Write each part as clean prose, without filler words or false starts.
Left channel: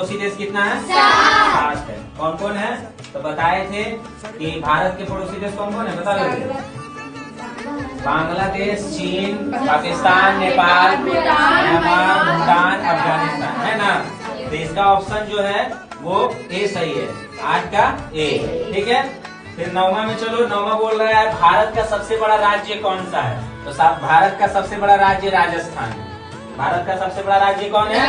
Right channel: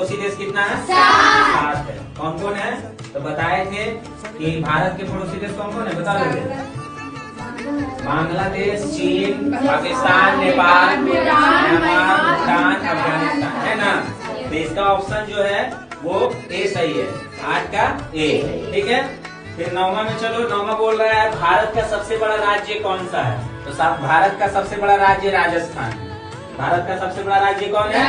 पड़ोसी देश कितना है? 7 है। कौन कौन है? तो बताए थे कि भारत के पड़ोसी देश कौन कौन है, बता रहे बांग्लादेश, चीन, पाकिस्तान, नेपाल, म्यांमार, भूटान, अफगानिस्तान, है ना। तो इसका ऑप्शन जो है वो ए सही है, 8 का ए। ठीक है, फिर 9वां में चलो। 9वां बोल रहा है भारत का सबसे बड़ा राज्य कौन सा है? तो भारत का सबसे बड़ा राज्य राजस्थान है। भारत का सबसे बड़ा राज्य कौन है?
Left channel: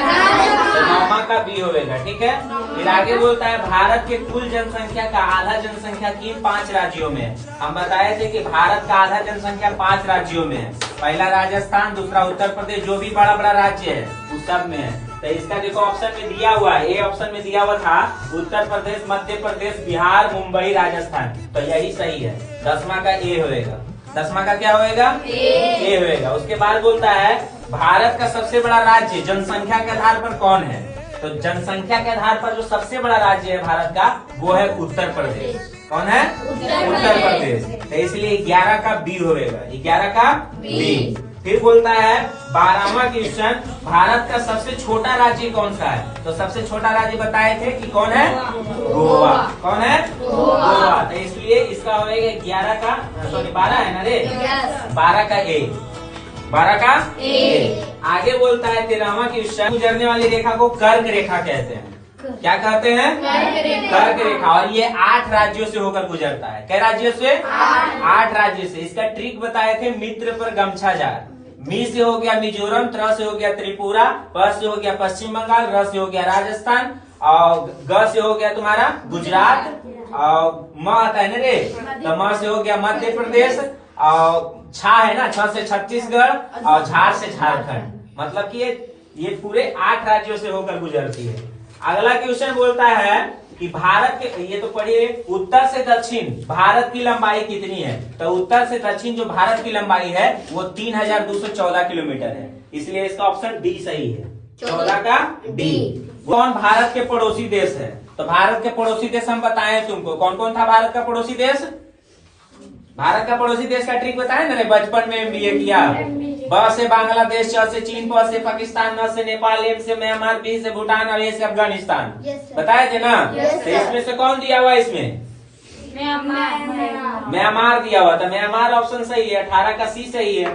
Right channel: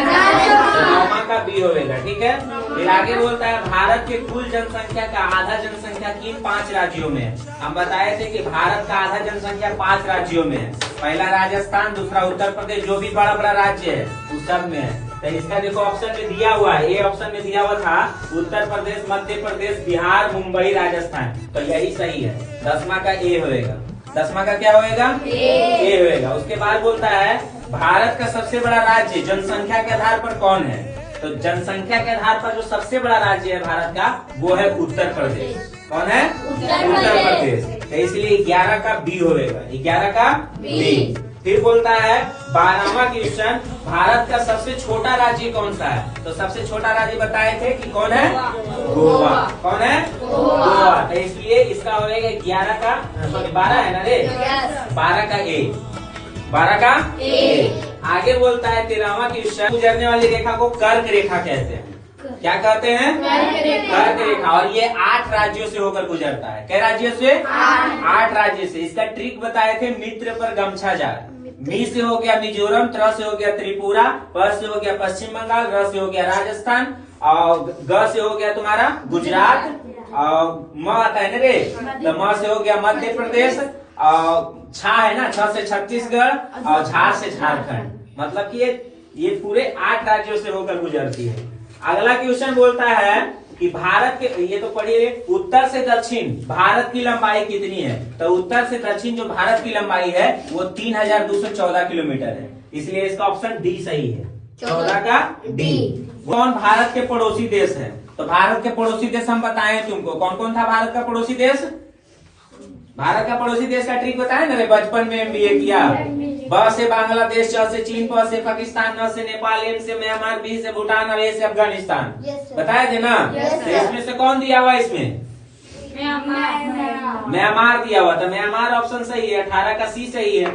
तो 9वां का बी होगा। ठीक है, फिर आगे बोलता है भारत के कुल जनसंख्या का आधा जनसंख्या किन 5 राज्यों में है? हम बताए थे कि भारत का आधा जनसंख्या 5 राज्यों में है। पहला राजस्थान, दूसरा उत्तर प्रदेश, जो भी बड़ा बड़ा राज्य है उस सब में है। तो इसका देखो ऑप्शन में दिया हुआ है, ए ऑप्शन में दिया हुआ था उत्तर प्रदेश, मध्य प्रदेश, बिहार, मुंबई, राजस्थान। तो यही सही है, 10वां का ए होएगा। 10वां का क्या होएगा? ए होएगा। उसके बाद बोलता है भारत का सबसे बड़ा राज्य जनसंख्या के आधार पर कौन है? तो जनसंख्या के आधार पर जो सबसे बड़ा राज्य है भारत का वो है उत्तर प्रदेश। कौन है? उत्तर प्रदेश। तो इसलिए 11 का बी होएगा, 11 का बी। फिर बोलता है 12वां क्वेश्चन, भारत का सबसे छोटा राज्य कौन सा है? तो सबसे छोटा राज्य बताए थे कि कौन है? गोवा। कौन है? गोवा। तो इसलिए इसका होगा 11 का, सॉरी 12 है ना रे, 12 का ए, 12 का ए। आगे बोलता है 13वां क्वेश्चन, गुजरने वाली रेखा को कर्क रेखा कहते हैं। क्या कहते हैं? कर्क रेखा। और ये 8 राज्यों से होकर गुजरता है। कई राज्यों से? 8 राज्यों से। इसका ट्रिक बताए थे, मित्र पर गमछा जा। मी से हो गया मिजोरम, त्र से हो गया त्रिपुरा, प से हो गया पश्चिम बंगाल, र से हो गया राजस्थान, और ग से हो गया तुम्हारा गुजरात, और म आता है ना रे, तो म से हो गया मध्य प्रदेश, और छा है ना, छ से छत्तीसगढ़, और झार से झारखंड। मतलब कि ये पूरे 8 राज्यों से होकर गुजरती है। अगला क्वेश्चन बोलता है कि भारत के, ये तो पढ़िए, उत्तर से दक्षिण भारत की लंबाई कितनी है? तो उत्तर से दक्षिण जो भारत की लंबाई है वो 3214 किलोमीटर है। इसलिए इसका ऑप्शन डी सही है, 14 का डी। कौन भारत के पड़ोसी देश है? तो भारत के पड़ोसी देश हम बताए तुमको, कौन कौन था भारत का पड़ोसी देश? भारत का पड़ोसी देश का ट्रिक बताए ना रे, बचपन में MBA किया। ब से बांग्लादेश, च से चीन, प से पाकिस्तान, न से नेपाल, एम से म्यांमार, बी से भूटान, और ए से अफगानिस्तान। बताए थे ना। तो इसमें से कौन दिया हुआ? इसमें म्यांमार दिया हुआ था। म्यांमार ऑप्शन सही है, 18 का सी सही है।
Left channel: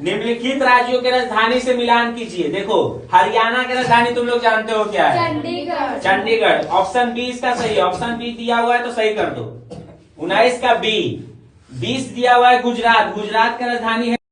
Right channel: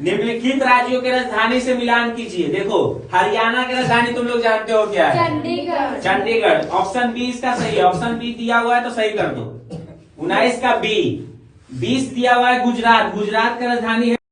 निम्नलिखित राज्यों के राजधानी से मिलान कीजिए। देखो हरियाणा की राजधानी तुम लोग जानते हो क्या है? चंडीगढ़। चंडीगढ़। ऑप्शन बी इसका सही है। ऑप्शन बी दिया हुआ है तो सही कर दो। 19 का बी। 20 दिया हुआ है गुजरात। गुजरात का राजधानी है